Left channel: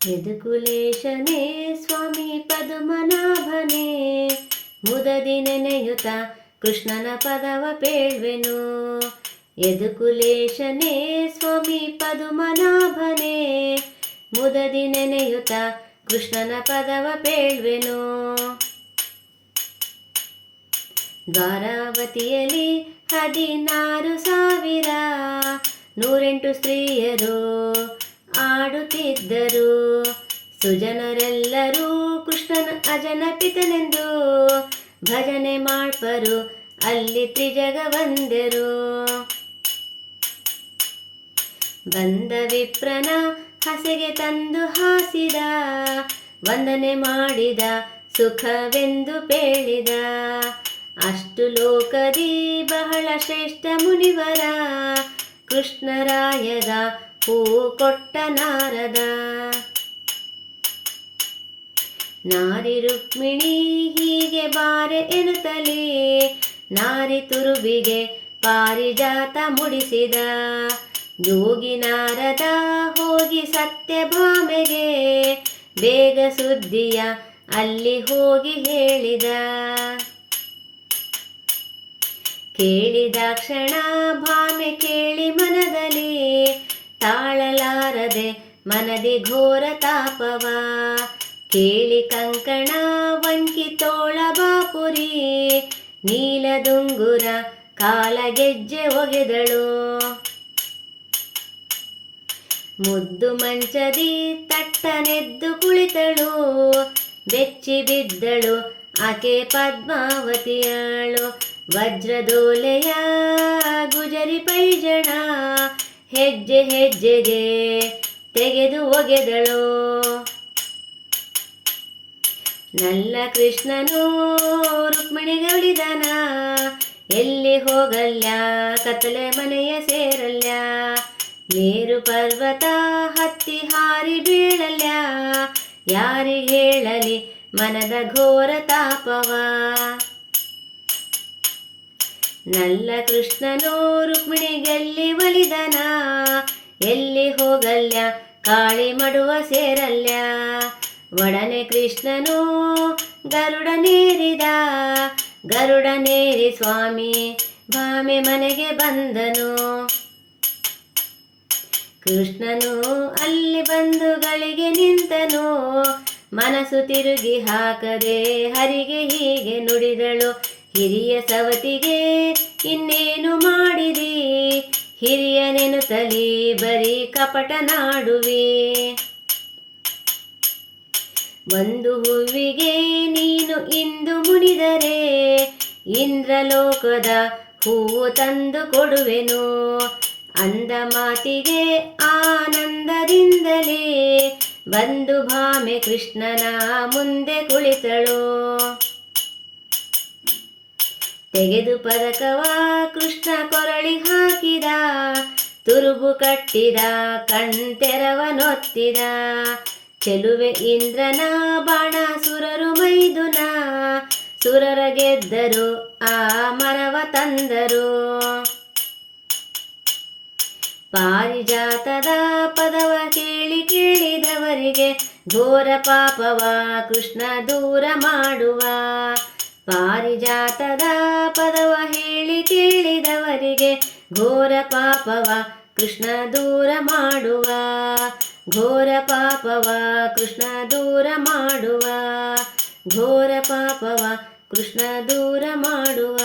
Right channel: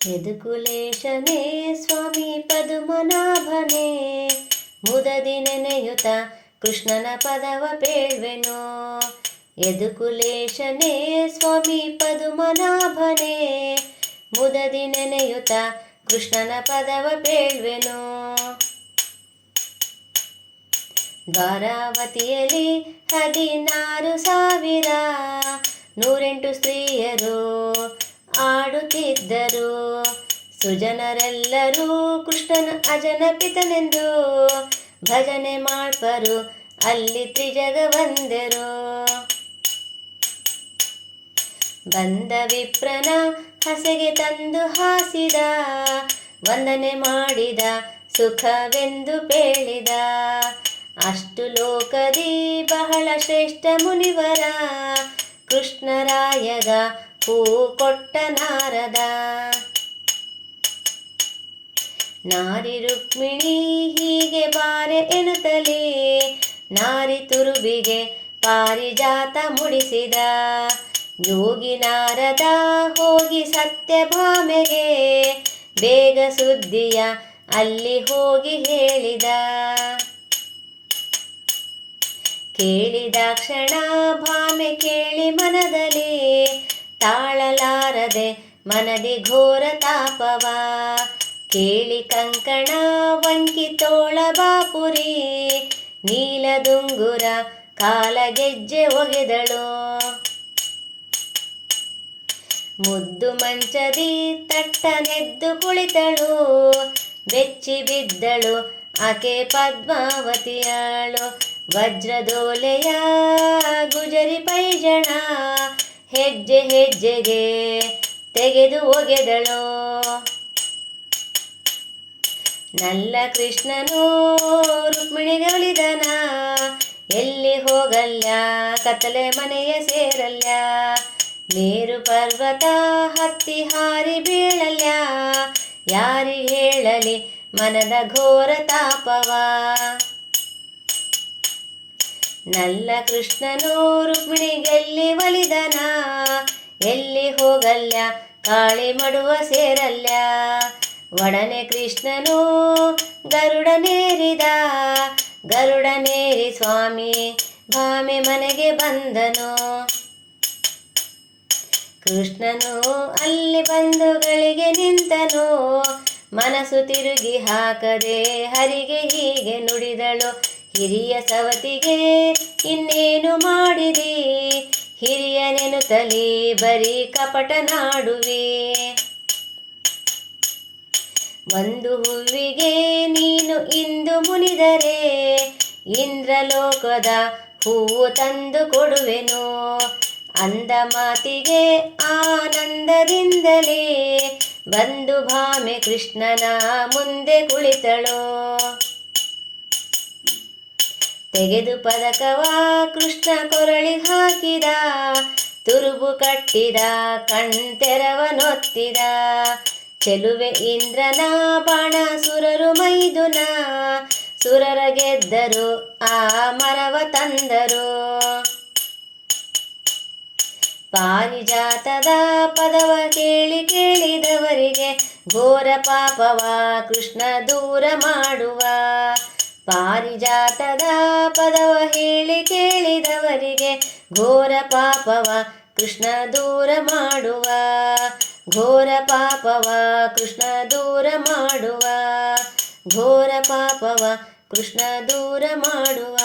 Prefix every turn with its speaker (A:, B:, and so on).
A: ಯದುಕುಲೇಶನೇ ಸ್ವಾಮಿ ಪದುಮನಾಭನೇ ಮುದದಿ ನೆನೆಯುತ ಕೃಷ್ಣನ ಪದವ ಪೇಳ್ವೆನು ಯದುಕುಲೇಶನೇ ಸ್ವಾಮಿ ಪದುಮನಾಭನೇ ಮುದದಿ ನೆನೆಯುತ ಕೃಷ್ಣನ ಪದವ ಪೇಳ್ವೆನು ದ್ವಾರಾವತಿಯಲ್ಲಿ ಹದಿನಾರು ಸಾವಿರ ನೂರೆಂಟು ಸ್ತ್ರೀಯರು ಆಡುತ್ತಿದ್ದರು ಸುಜನರೆಲ್ಲರೂ ಕೃಷ್ಣನ ಅಜನ ಪಿತನೆಂದು ಭಜನೆ ಮಾಡ್ಪರು. ಅಲ್ಲಿ ತ್ರಿಜಗ ಬಂದರು. ಬಂದ ವಿಪ್ರನ ಹಸೆಗೆ ತಂದು ಹಾಸಿದ. ವಂದನೆ ಮಾಡಿದ, ಸುಖವೆಂದು ಪೇಳಿದ. ಅಷ್ಟು ಲೋಕದಿ ಬಹಳ ಶ್ರೇಷ್ಠ ಮುನಿವರ. ಕೃಷ್ಣರಾಯಗ ಹೂ ಕೊಟ್ಟ ನಾರದ ನಾರಿ ರುಕ್ಮಿಣಿ ಹೀಗೆ ಬಾರೆ ಎನ್ನುತ್ತಲೇ ನಾರಿ ತುರುಬಿಗೆ ಪಾರಿಜಾತ ಮುಡಿಸಿದ ಯೋಗಿ ನಾರದ ಹೋಗಿ ಸತ್ಯಭಾಮೆಗೆ ಬೇಗ ಸುದ್ದಿಯ ಅಲ್ಲಿ ಹೋಗಿ ಹೇಳಿದ. ಕೇಳಿದ ಕ್ಷಣ ಭಾಮೆ ಕೇಳಿ ತಾಳಲಾರದೆ ಮನದಿ ಘೋರ ತಾಪವ. ಕೇಳಿ ಕಂಕಣ ವಂಕಿ ತೋಳ ಬಾಪುರಿ. ನೀಲದುಂಗುರ ಕಾಲ ಗೆಜ್ಜೆ ಒಗೆದಳು. ಮುದ್ದು ಮಂಚದಿ ತಟ್ಟನೆದ್ದು ಕುಳಿತಳು. ಬೆಚ್ಚಿ ಬಿದ್ದಳು ಆಕೆ ಪದ್ಮಾವತಿಯಳು. ವಜ್ರದೋಲೆಯ ಗುಜರಿ ಪೈಜಣ. ಹೆಜ್ಜೆ ಹೆಜ್ಜೆಗೆ ತೆಗೆದು ಒಗೆದಳು. ನಲ್ಲ ಕೃಷ್ಣನು ರುಕ್ಮಿಣಿಗೆ ಉಳಿದನ. ಎಲ್ಲಿ ಹೋಗಲ್ಯ ಕತ್ತಲೆ ಮನೆಯ ಸೇರಲ್ಯ ನೀರು ಪರ್ವತ ಹತ್ತಿ ಹಾರಿ ಬೀಳಲ್ಯ ಯಾರಿಗೆ ಹೇಳಲಿ ಮನದ ಘೋರ ತಾಪವ? ನಲ್ಲ ಕೃಷ್ಣನೋ ರುಕ್ಮಿಣಿಗೆಲ್ಲಿ ಒಲಿದನ. ಎಲ್ಲಿ ಹೋಗಲ್ಯ ಕಾಳಿ ಮಡುವ ಸೇರಲ್ಯ ಒಡನೆ ಕೃಷ್ಣನು ಗರುಡನೇರಿದ ಗರುಡನೇರಿ ಸ್ವಾಮಿ ಭಾಮೆ ಮನೆಗೆ ಬಂದನು. ಕೃಷ್ಣನು ಅಲ್ಲಿ ಬಂಧುಗಳಿಗೆ ನಿಂತನು. ಮನಸ್ಸು ತಿರುಗಿ ಹಾಕದೆ ಹರಿಗೆ ಹೀಗೆ ನುಡಿದಳು. ಹಿರಿಯ ಸವತಿಗೆ ಇನ್ನೇನು ಮಾಡಿದಿ? ತಲೆ ಬರೀ ಕಪಟ ನಾಡುವೆ. ಒಂದು ಹೂವಿಗೆ ನೀನು ಇಂದು ಮುನಿದರೆ, ಇಂದ್ರಲೋಕದ ಹೂವು ತಂದು ಕೊಡುವೆನು. ಅಂದ ಮಾತಿಗೆ ಆನಂದದಿಂದಲೇ ಬಂದು ಭಾಮೆ ಕೃಷ್ಣನ ಮುಂದೆ ಕುಳಿತಳು. ತೆಗೆದು ಪದಕವ ಕೃಷ್ಣ ಕೊರಳಿ ಹಾಕಿದ, ತುರುಬು ಕಟ್ಟಿದ ಕಣ್ತೆರವನೊತ್ತಿದ ಚೆಲುವೆ ಇಂದ್ರನ ಬಾಣ ಸುರರು ಮೈದುನ, ಸುರರ ಗೆದ್ದರು ಆ ಮರವ ತಂದರು. ಪಾರಿಜಾತದ ಪದವ ಕೇಳಿ ಕೇಳಿದವರಿಗೆ ಘೋರ ಪಾಪವ ಕೃಷ್ಣ ದೂರ ಮಾಡುವ. ಪಾರಿಜಾತದ ಪದವ ಹೇಳಿ ಕೇಳಿದವರಿಗೆ ಘೋರ ಪಾಪವ ಕೃಷ್ಣ ದೂರ ಮಾಡುವ. ಘೋರ ಪಾಪವ ಕೃಷ್ಣ ದೂರ ಮಾಡುವ. ಘೋರ ಪಾಪವ ಕೃಷ್ಣ ದೂರ ಮಾಡುವ.